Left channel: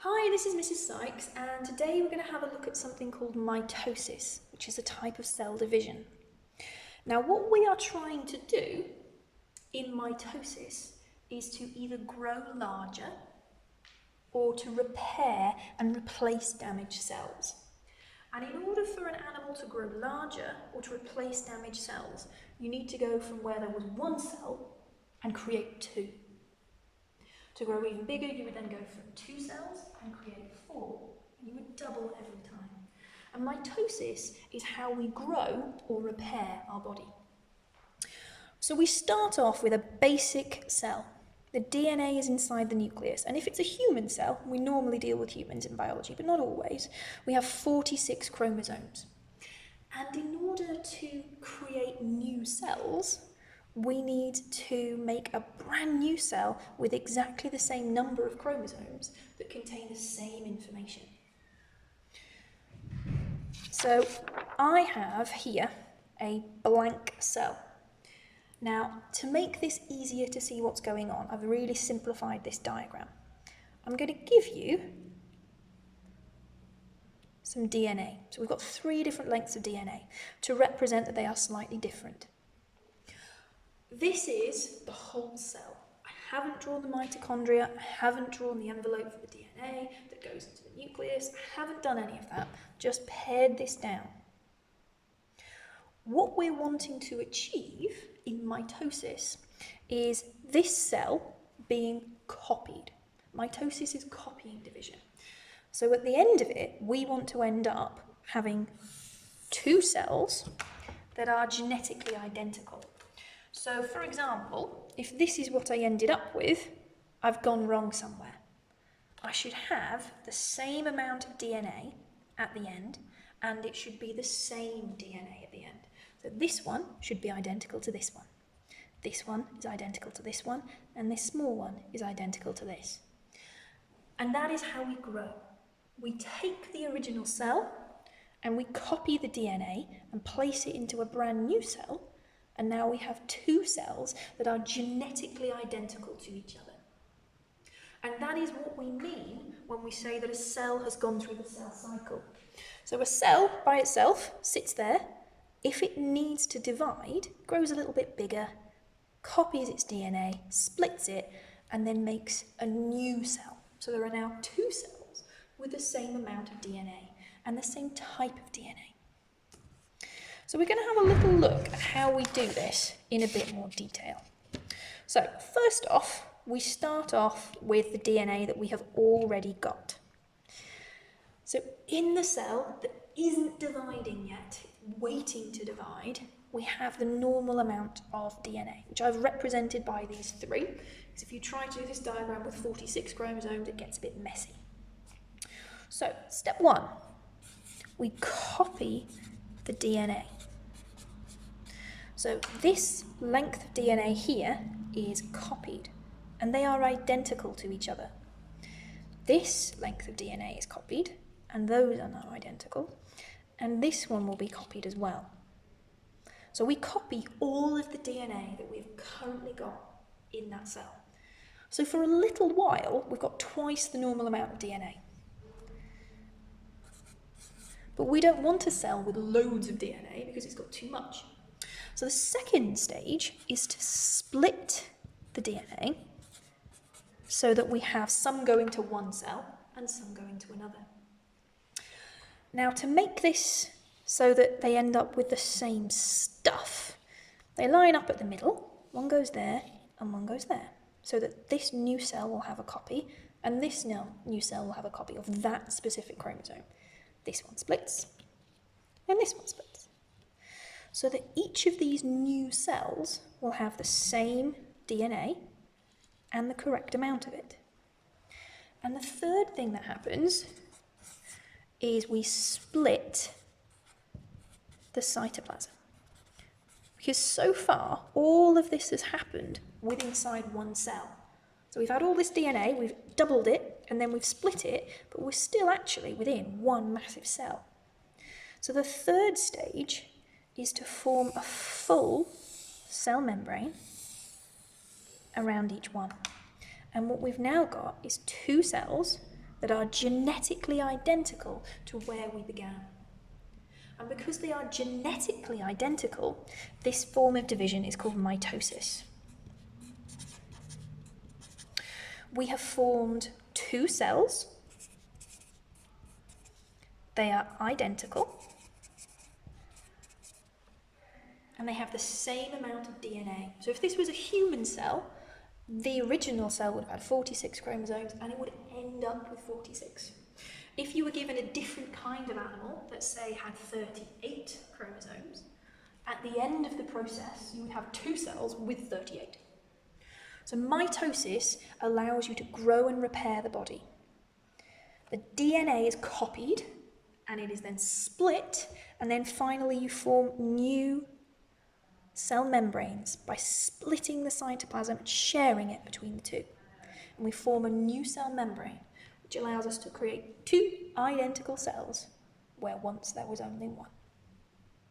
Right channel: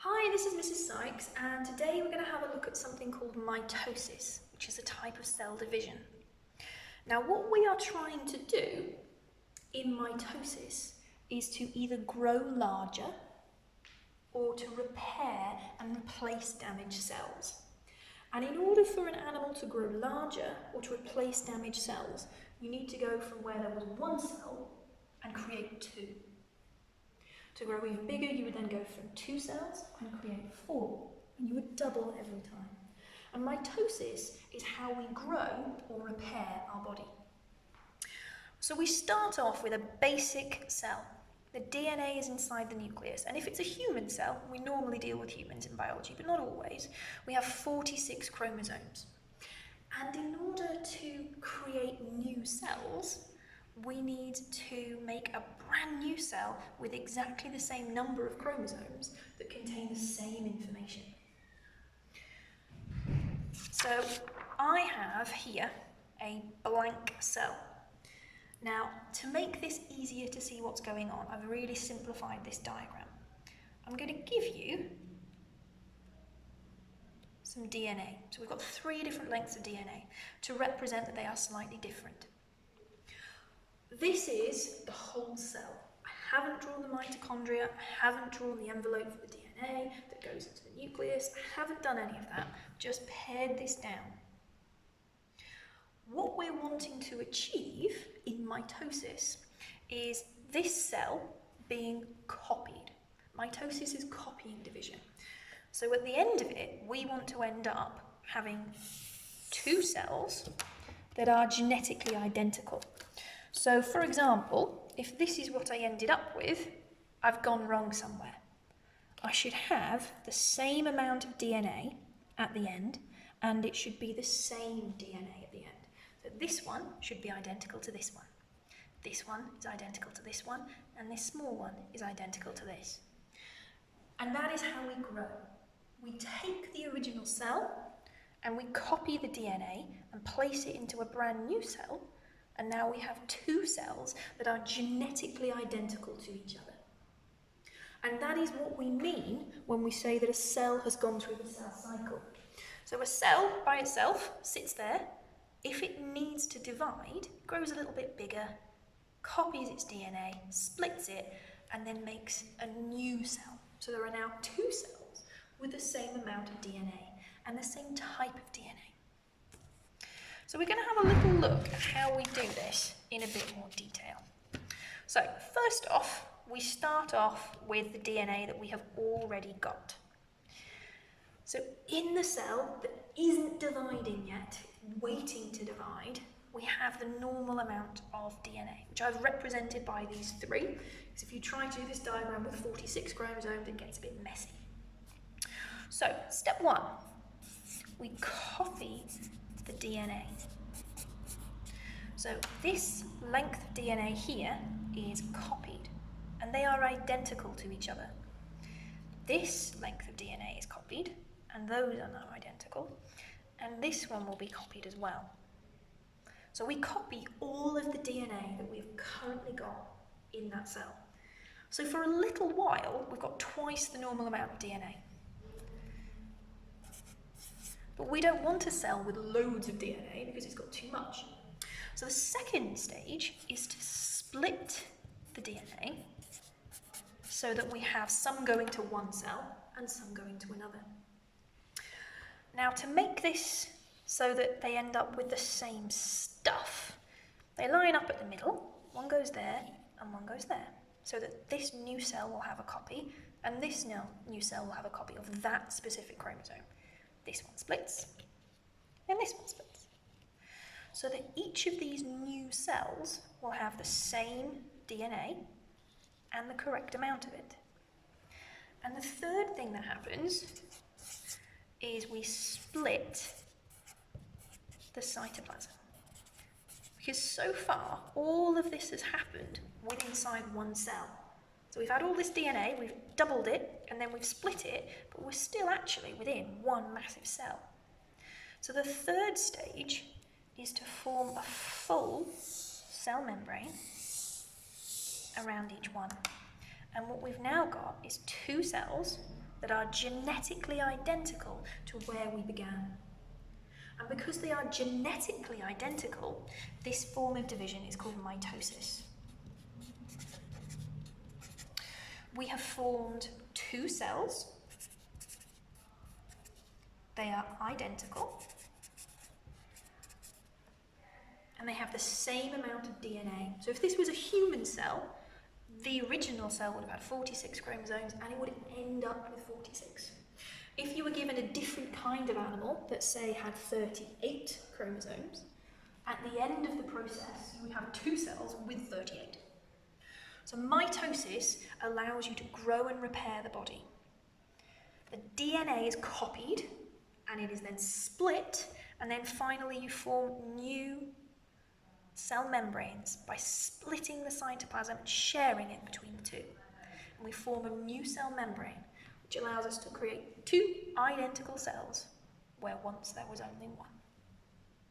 Hi, this is Mrs. Sykes, and today we're going to have a look at something called mitosis, which is a type of cell division. Now, what we are trying to do in mitosis is to either grow larger or to repair and replace damaged cells. And in order for an animal to grow larger or to replace damaged cells, you need to go from where there was one cell and create two. To grow even bigger, you would then go from 2 cells and create 4, and you would double every time. And mitosis is how we grow or repair our body. So we start off with a basic cell. The DNA is inside the nucleus, and if it's a human cell, we normally deal with humans in biology, but not always, we have 46 chromosomes. And in order to create new cells, we need to make a brand new cell with exactly the same number of chromosomes that contain the same information. So I have here a blank cell. Now, to make this easier to see what's going on, I've really simplified this diagram. I'm going to give you some DNA. So we've got 3 different lengths of DNA to represent that they are slightly different. This is the whole cell. I haven't drawn the mitochondria, I haven't drawn the envelope for the DNA that goes into the nucleus, I haven't done any of that, just pared this down. What we're wanting to achieve in mitosis is this cell being copied. Mitosis is copying division. So at the end of it, we want to end up having 2 cells that are genetically identical. So, for example, if this is what I ended up with, I've gone wrong somewhere. I should have the same amount of DNA at the end, and it should be the same DNA at the end. So this one should be identical to this one. This one is identical to this one, and this small one is identical to this. And that is how we grow. We take the original cell, and we copy the DNA and place it into a brand new cell, and now we have 2 cells that are genetically identical to each other. And that is what we mean when we say that a cell has gone through the cell cycle. So a cell by itself sits there. If it needs to divide, grows a little bit bigger, copies its DNA, splits it, and then makes a new cell. So there are now 2 cells with the same amount of DNA and the same type of DNA. So we're going to have a little look at how we do this in a bit more detail. So first off, we start off with the DNA that we have already got. So in the cell that isn't dividing yet, waiting to divide, we have the normal amount of DNA, which I've represented by these 3. Because if you try to do this diagram with 46 chromosomes, it gets a bit messy. So step 1, we copy the DNA. So this length of DNA here is copied, and they are identical to each other. This length of DNA is copied, and those are now identical, and this one will be copied as well. So we copy all of the DNA that we've currently got in that cell. So for a little while, we've got twice the normal amount of DNA. But we don't want a cell with loads of DNA because it's got too much. So the second stage is to split the DNA so that we have some going to one cell and some going to another. Now, to make this so that they end up with the same stuff, they line up at the middle, one goes there and one goes there, so that this new cell will have a copy and this new cell will have a copy of that specific chromosome. This one splits and this one splits. So that each of these new cells will have the same DNA and the correct amount of it. And the third thing that happens is we split the cytoplasm. Because so far, all of this has happened within inside one cell. So we've had all this DNA, we've doubled it, and then we've split it, but we're still actually within one massive cell. So the third stage is to form a full cell membrane around each one. And what we've now got is 2 cells that are genetically identical to where we began. And because they are genetically identical, this form of division is called mitosis. We have formed two cells. They are identical. And they have the same amount of DNA. So if this was a human cell, the original cell would have had 46 chromosomes and it would end up with 46. If you were given a different kind of animal that, say, had 38 chromosomes, at the end of the process, you would have two cells with 38. So mitosis allows you to grow and repair the body. The DNA is copied, and it is then split, and then finally you form new cell membranes by splitting the cytoplasm and sharing it between the two. And we form a new cell membrane, which allows us to create two identical cells where once there was only one.